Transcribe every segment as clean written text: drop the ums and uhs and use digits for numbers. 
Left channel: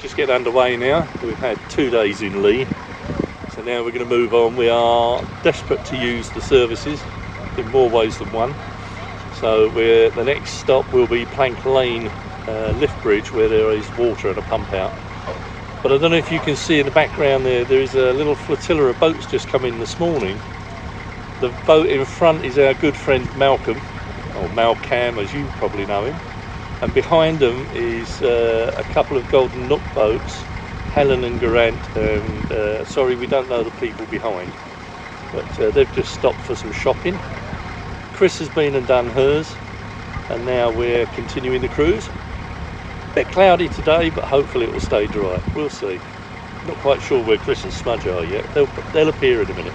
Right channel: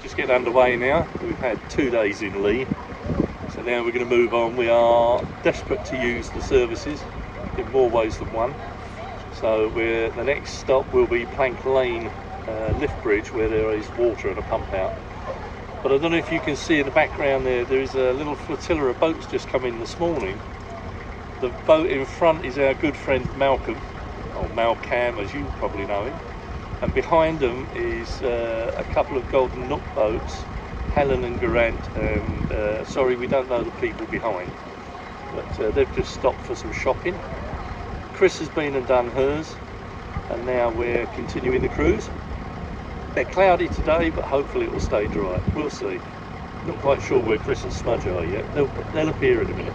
Just getting underway now. We've had 2 days in Lee, so now we're going to move on. We are desperate to use the services in more ways than one. So the next stop will be Plank Lane lift bridge, where there is water and a pump out. But I don't know if you can see in the background there is a little flotilla of boats just come in this morning. The boat in front is our good friend Malcolm, or Malcam as you probably know him. And behind them is a couple of Golden Nook boats, Helen and Garant, and sorry, we don't know the people behind, but they've just stopped for some shopping. Chris has been and done hers, and now we're continuing the cruise. A bit cloudy today, but hopefully it will stay dry. We'll see. Not quite sure where Chris and Smudge are yet. They'll appear in a minute.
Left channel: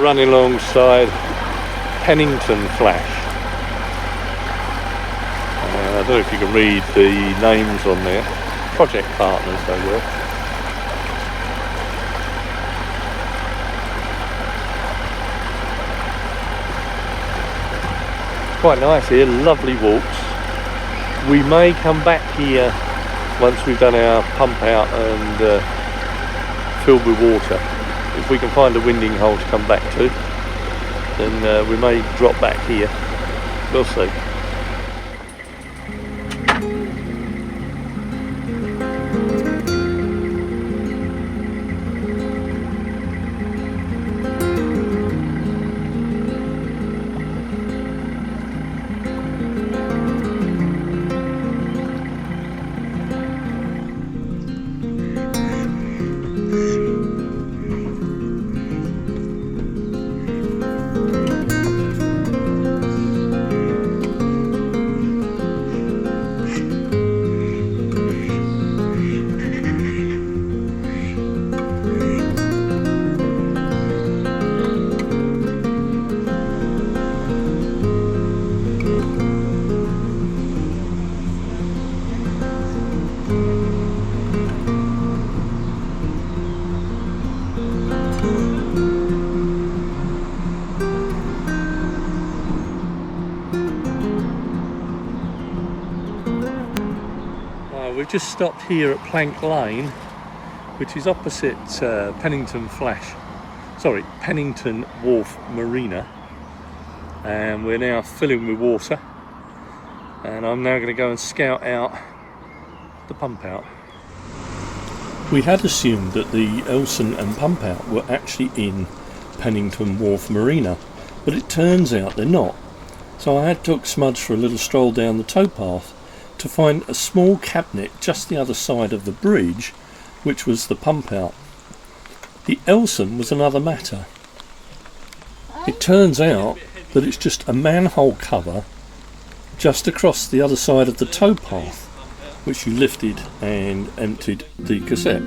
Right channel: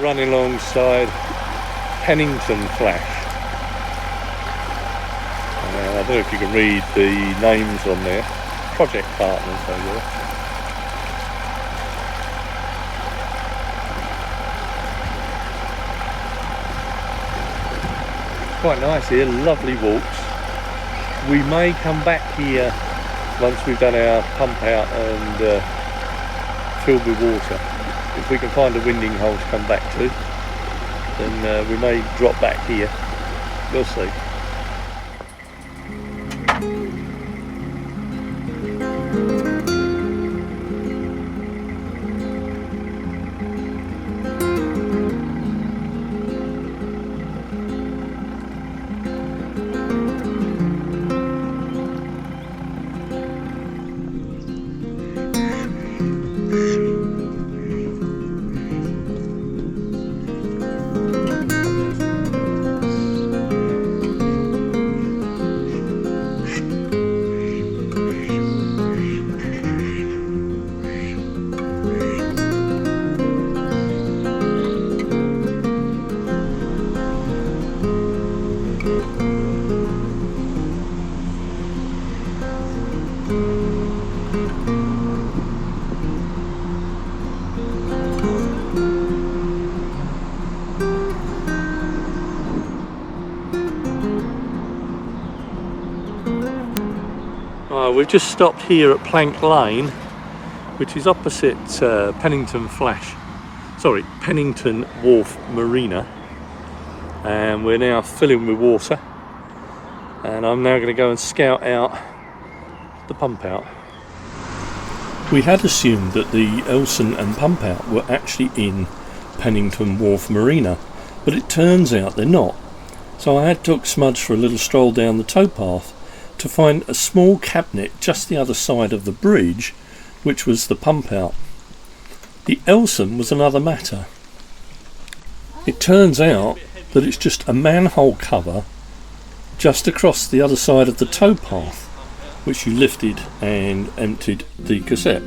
Running alongside Pennington Flash. I don't know if you can read the names on there. Project partners they were. Quite nice here, lovely walks. We may come back here once we've done our pump out and filled with water. If we can find a winding hole to come back to, then we may drop back here. We'll see. We've just stopped here at Plank Lane, which is opposite Pennington Wharf Marina, and we're now filling with water, and I'm now going to go and scout out the pump out. We had assumed that the Elson and pump out were actually in Pennington Wharf Marina, but it turns out they're not. So I had took Smudge for a little stroll down the towpath to find a small cabinet just the other side of the bridge, which was the pump out. The Elson was another matter. It turns out that it's just a manhole cover just across the other side of the towpath, which you lifted and emptied the cassette.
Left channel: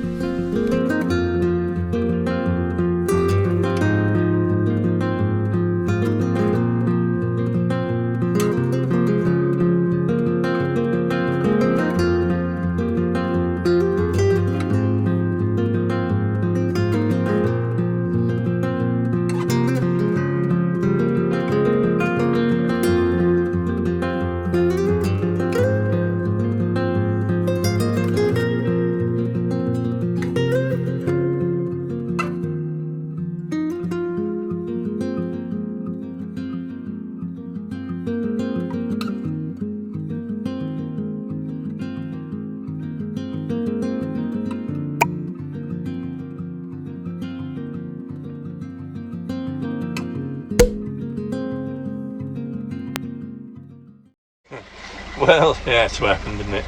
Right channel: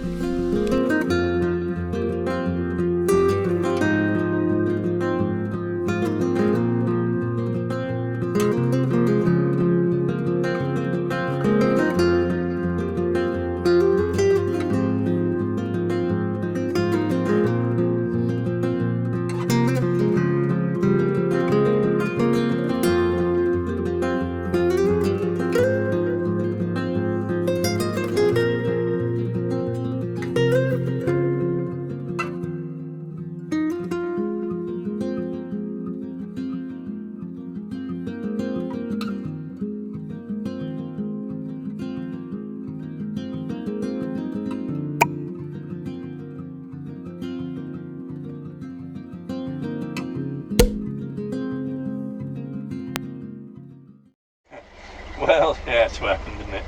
Well, yeah, it's happened, didn't it?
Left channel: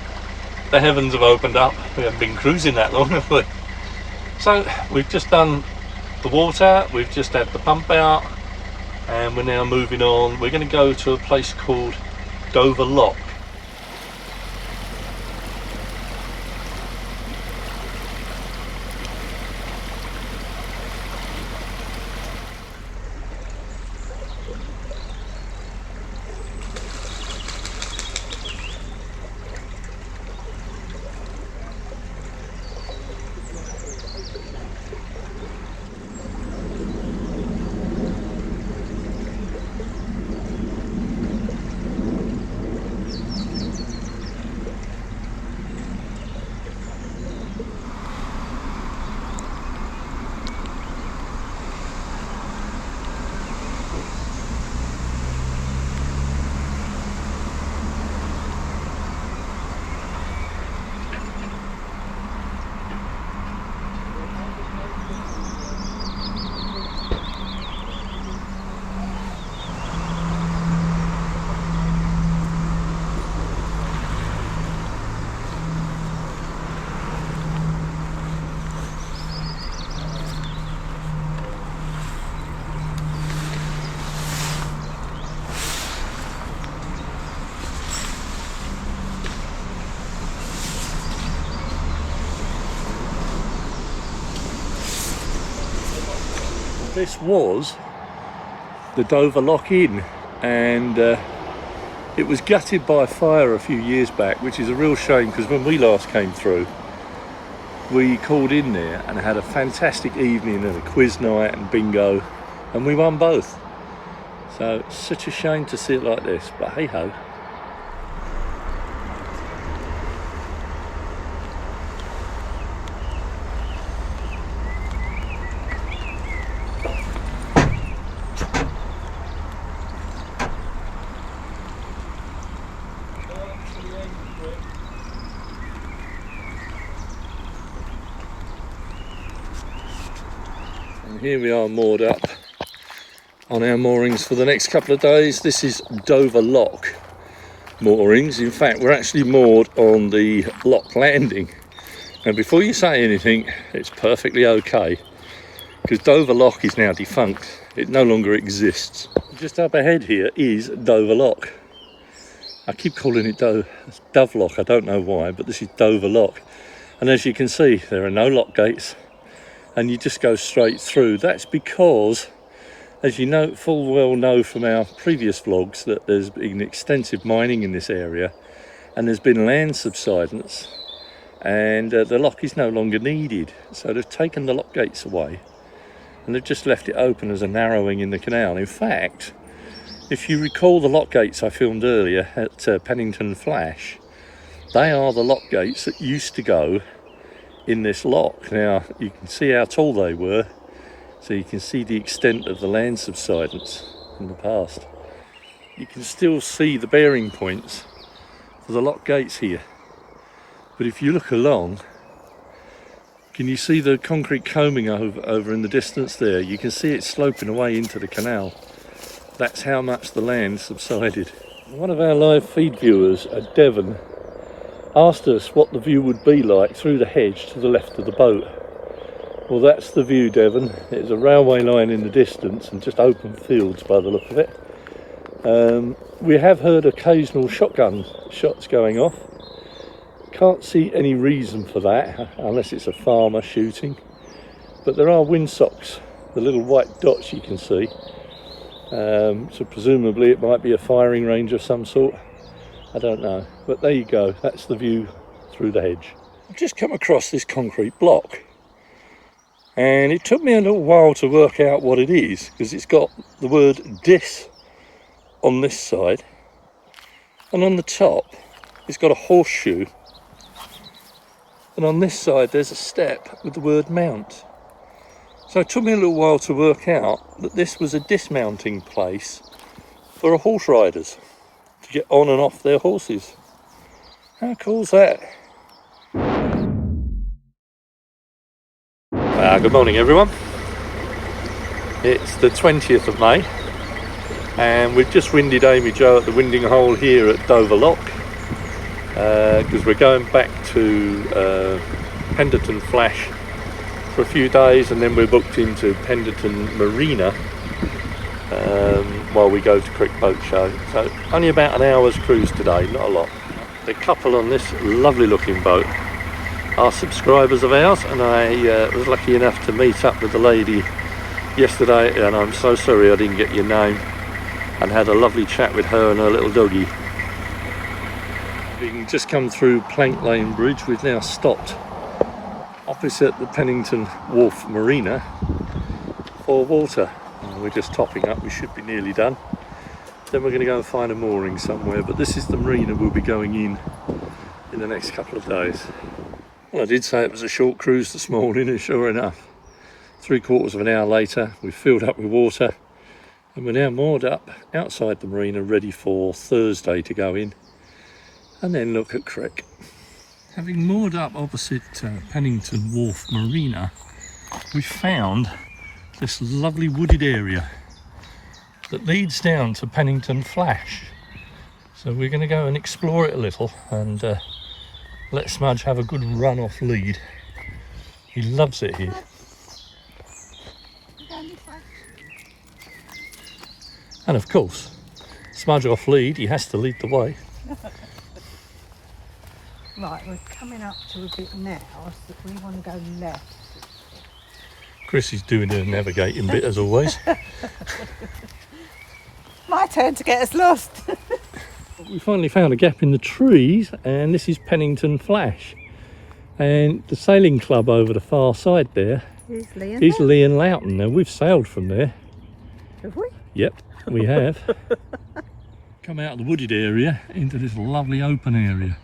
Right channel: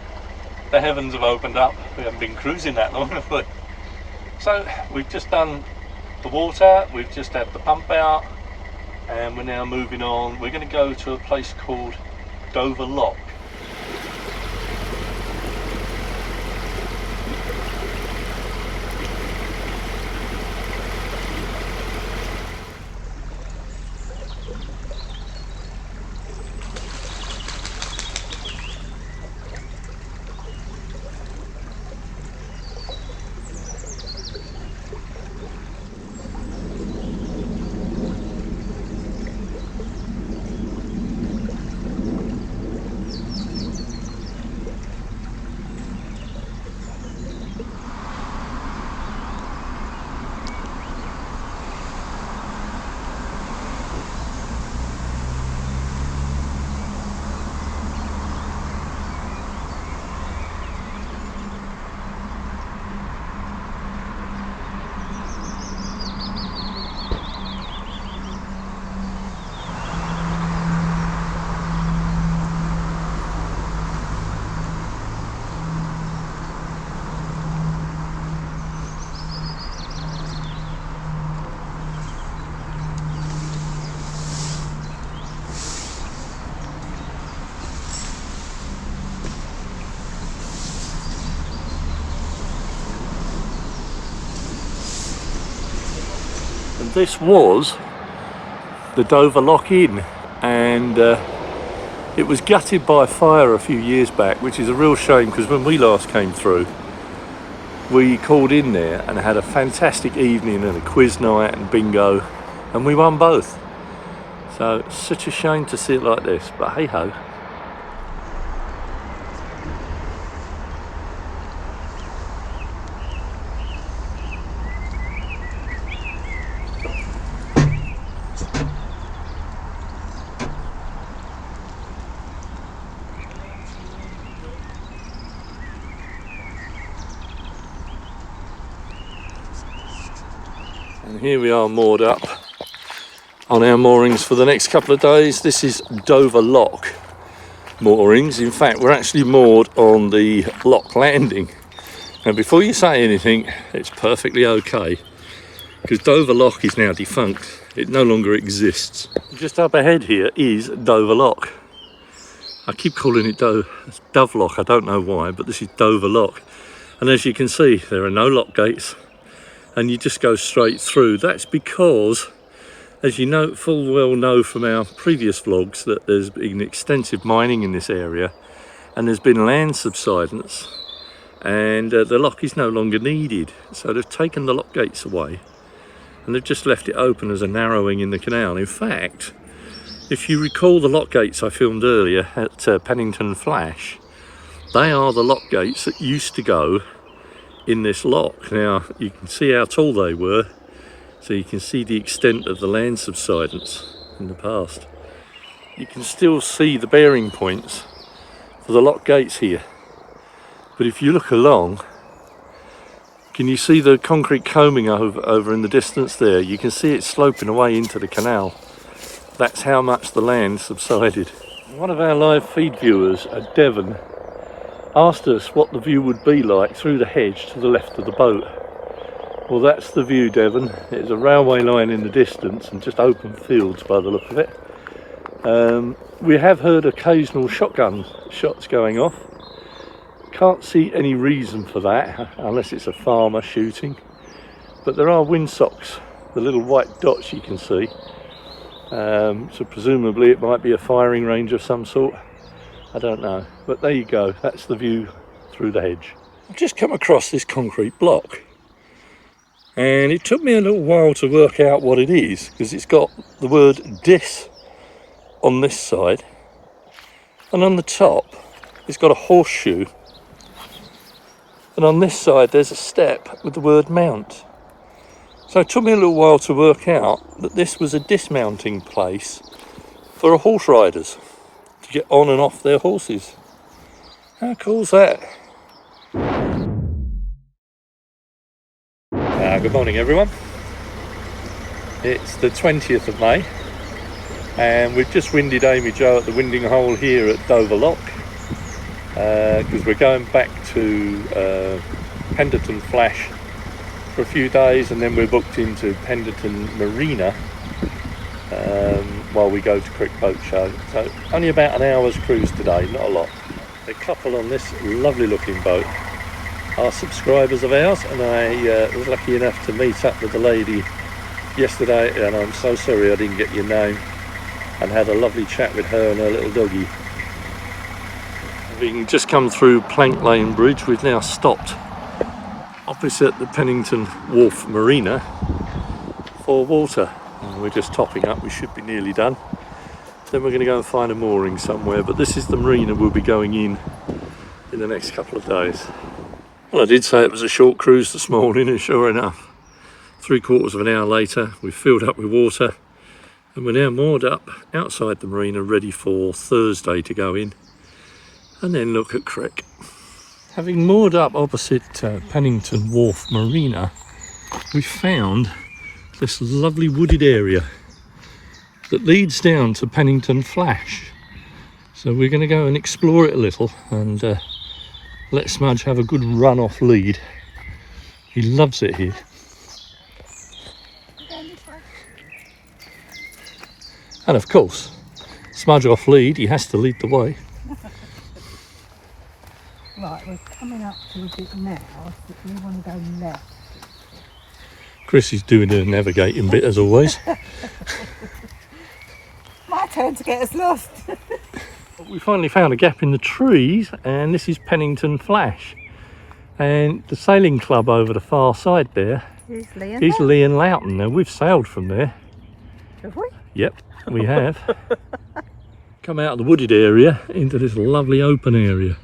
The heavens have opened up. We haven't been cruising that long, have we? So we've just done the water, we've just had the pump out, and we're now moving on. We're going to go to a place called Dover Lock. This was the Dover Lock Inn, and it was gutted by a fire a few years back, which is a real shame, because when we last came through we called in there and had a fantastic evening and a quiz night and bingo, and we won both. So it's such a shame to see it like this, but hey ho. Here we are moored up on our moorings for the next couple of days. This is Dover Lock moorings. In fact, we're actually moored on the lock landing. Now, before you say anything, it's perfectly okay, because Dover Lock is now defunct. It no longer exists. Just up ahead here is Dover Lock. I keep calling it Dove Lock. I don't know why, but this is Dover Lock. And as you can see, there are no lock gates, and you just go straight through. That's because, as you know, full well know from our previous vlogs, that there's been extensive mining in this area, and there's been land subsidence, and the lock is no longer needed. So they've taken the lock gates away, and they've just left it open as a narrowing in the canal. In fact, if you recall the lock gates I filmed earlier at Pennington Flash, they are the lock gates that used to go in this lock. Now you can see how tall they were, so you can see the extent of the land subsidence in the past. You can still see the bearing points for the lock gates here, but if you look along, can you see the concrete combing over in the distance there? You can see it sloping away into the canal. That's how much the land subsided. One of our live feed viewers at Devon asked us what the view would be like through the hedge to the left of the boat. Well, that's the view, Devon. There's a railway line in the distance and just open fields by the look of it. We have heard occasional shotgun shots going off. Can't see any reason for that, unless it's a farmer shooting. But there are windsocks, the little white dots you can see. So presumably it might be a firing range of some sort. I don't know, but there you go. That's the view through the hedge. I've just come across this concrete block, and it took me a little while to work out what it is, because it's got the word dis on this side, and on the top it's got a horseshoe, and on this side there's a step with the word mount. So it took me a little while to work out that this was a dismounting place for horse riders to get on and off their horses. How cool is that? Good morning, everyone. It's the 20th of May, and we've just winded AmyJo at the winding hole here at Dover Lock. because we're going back to Pennington Flash for a few days, and then we're booked into Pennington Marina while we go to Crick Boat Show. So only about an hour's cruise today, not a lot. The couple on this lovely looking boat are subscribers of ours, and I was lucky enough to meet up with the lady yesterday, and I'm so sorry I didn't get your name, and had a lovely chat with her and her little doggy. We can just come through Plank Lane Bridge. We've now stopped opposite the Pennington Wharf Marina for water. We're just topping up, we should be nearly done. Then we're going to go and find a mooring somewhere, but this is the marina we'll be going in the next couple of days. Well, I did say it was a short cruise this morning, and sure enough, 3/4 of an hour later we've filled up with water, and we're now moored up outside the marina ready for Thursday to go in and then look at Crick. Having moored up opposite Pennington Wharf Marina, we found this lovely wooded area that leads down to Pennington Flash. So we're going to go and explore it a little and let Smudge have a good run off lead. He loves it here. And of course, Smudge off lead, he has to lead the way. Right, we're coming up to a bit now, so we want to go left. Chris is doing the navigating bit as always. My turn to get us lost. We finally found a gap in the trees, and this is Pennington Flash. And the sailing club over the far side there is Lee and Loughton. Now we've sailed from there. Have we? Yep, we have. Come out of the wooded area into this lovely open area.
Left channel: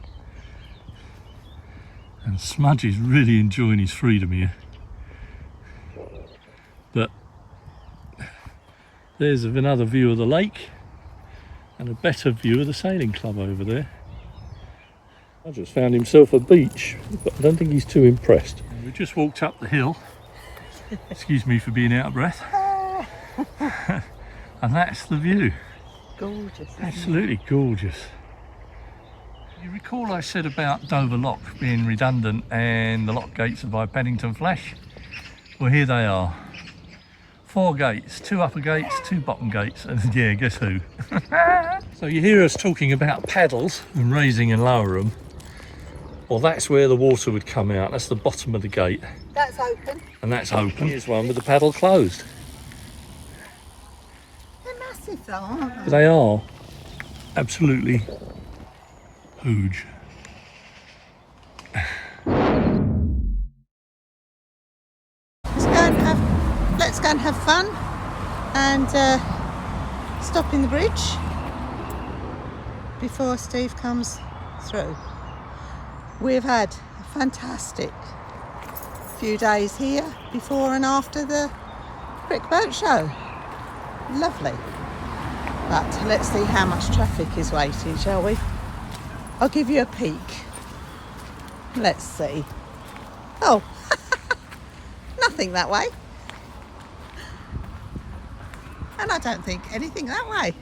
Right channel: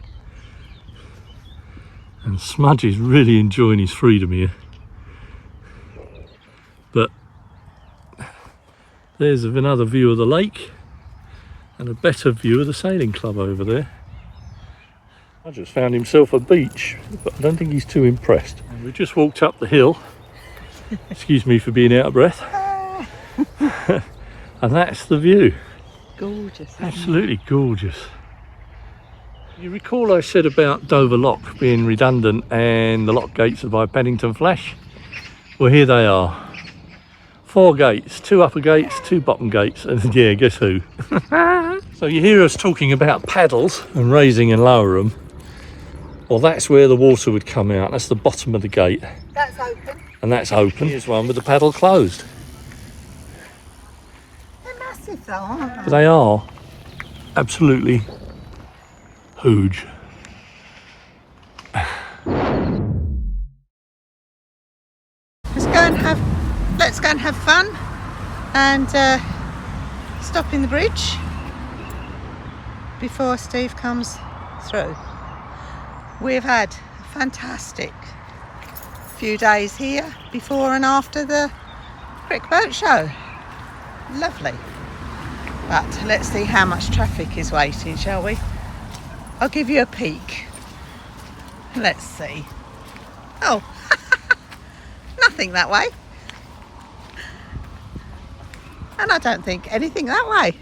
And Smudge is really enjoying his freedom here. But there's another view of the lake and a better view of the sailing club over there. I just found himself a beach, but I don't think he's too impressed. And we just walked up the hill. Excuse me for being out of breath. And that's the view. Gorgeous. Absolutely gorgeous. You recall I said about Dover Lock being redundant and the lock gates are by Pennington Flash? Well, here they are. 4 gates, 2 upper gates, 2 bottom gates, and yeah, guess who? So you hear us talking about paddles and raising and lower them. Well, that's where the water would come out. That's the bottom of the gate. That's open. And that's open. Here's one with the paddle closed. They're massive though, aren't they? But they are absolutely huge. Let's go and have fun and stop in the bridge before Steve comes through. We've had a fantastic few days here before and after the Crick Boat Show. Lovely. But let's see how much traffic is waiting, shall we? I'll give you a peek. Let's see. Oh, nothing that way. And I don't think anything that way.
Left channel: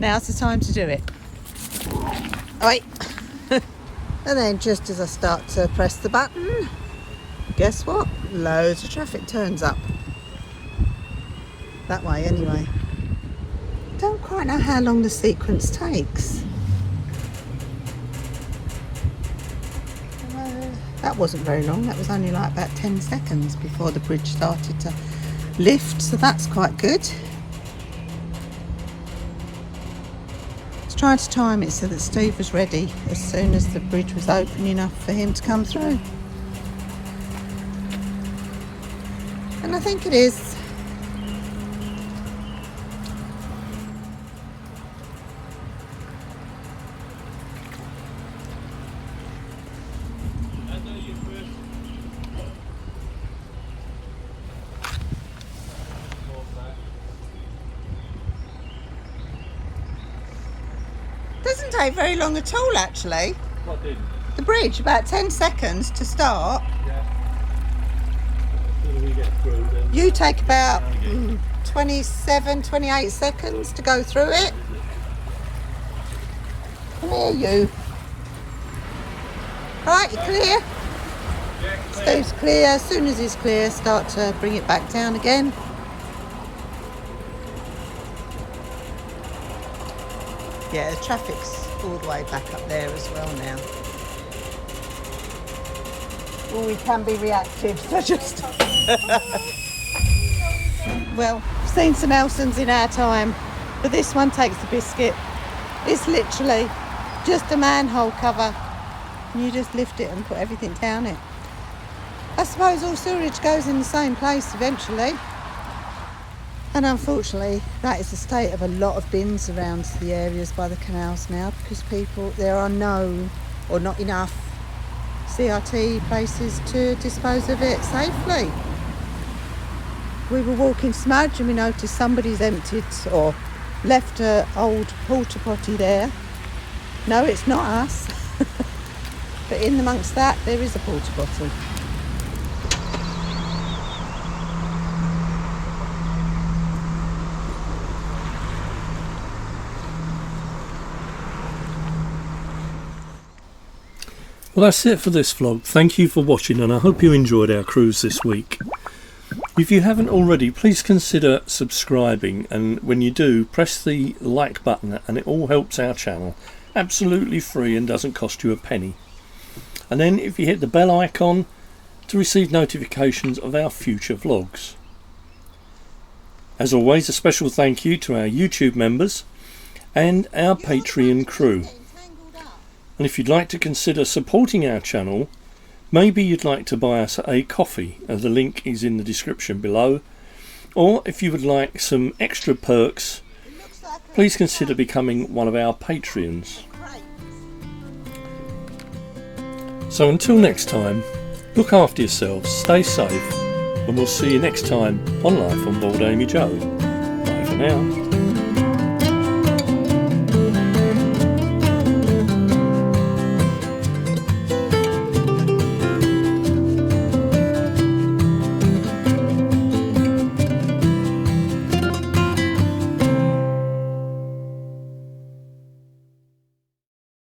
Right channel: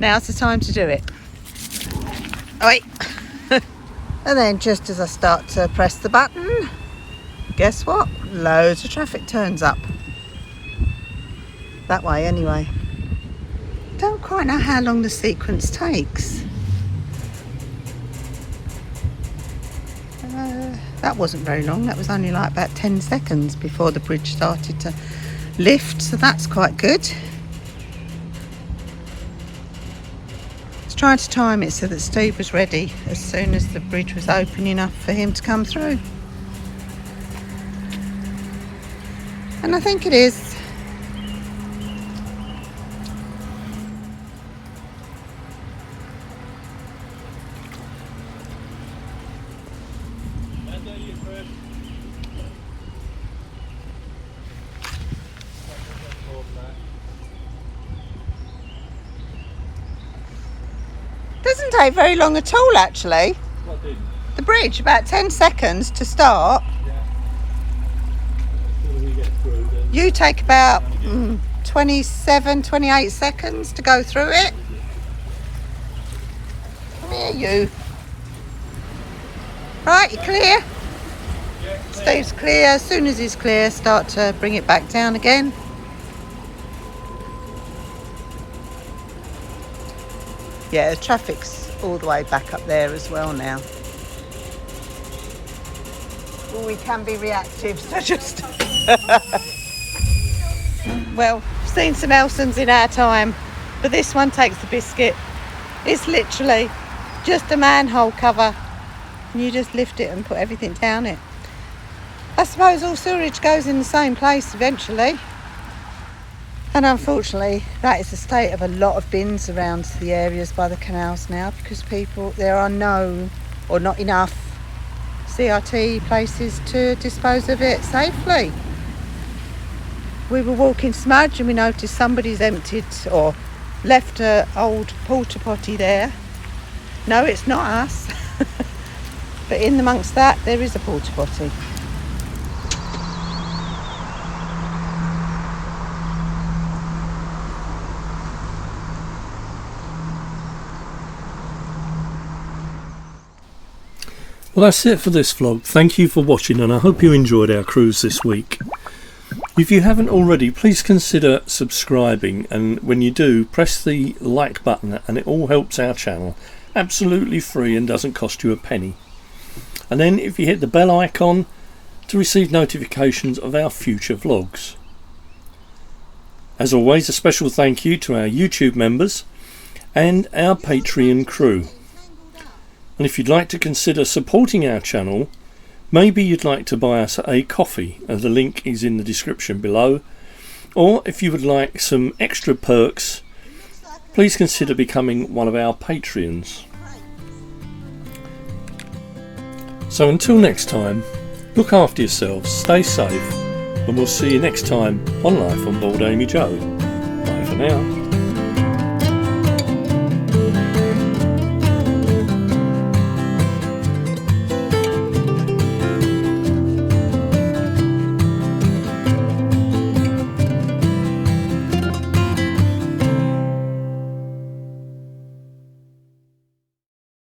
Now's the time to do it. Oh, wait. And then just as I start to press the button, guess what? Loads of traffic turns up. That way anyway. Don't quite know how long the sequence takes. That wasn't very long. That was only like about 10 seconds before the bridge started to lift, so that's quite good. I was trying to time it so that Steve was ready as soon as the bridge was open enough for him to come through. And I think it is. Doesn't take very long at all, actually. What did? The bridge, about 10 seconds to start. Yeah. Until we get through, then You take about 27, 28 seconds to go through it. Come here, you. Right, you clear? Steve's clear. As soon as he's clear, start to bring it back down again. Yeah, the traffic's all the way back up there as well now. Well, we can be reactive, so just... Well, seen some Elsons in our time, but this one takes the biscuit. It's literally just a manhole cover, and you just lift it and put everything down it. I suppose all sewerage goes in the same place eventually, and unfortunately that is the state of a lot of bins around the areas by the canals now, because there are no or not enough CRT places to dispose of it safely. We were walking Smudge and we noticed somebody's emptied or left an old porta potty there. No, it's not us. But in amongst that, there is a porta potty. Well, that's it for this vlog. Thank you for watching, and I hope you enjoyed our cruise this week. If you haven't already, please consider subscribing, and when you do, press the like button, and it all helps our channel. Absolutely free and doesn't cost you a penny. And then if you hit the bell icon to receive notifications of our future vlogs. As always, a special thank you to our YouTube members and our Patreon crew. And if you'd like to consider supporting our channel, maybe you'd like to buy us a coffee, the link is in the description below. Or if you would like some extra perks, please consider becoming one of our Patreons. So until next time, look after yourselves, stay safe, and we'll see you next time on Life on Board AmyJo. Bye for now.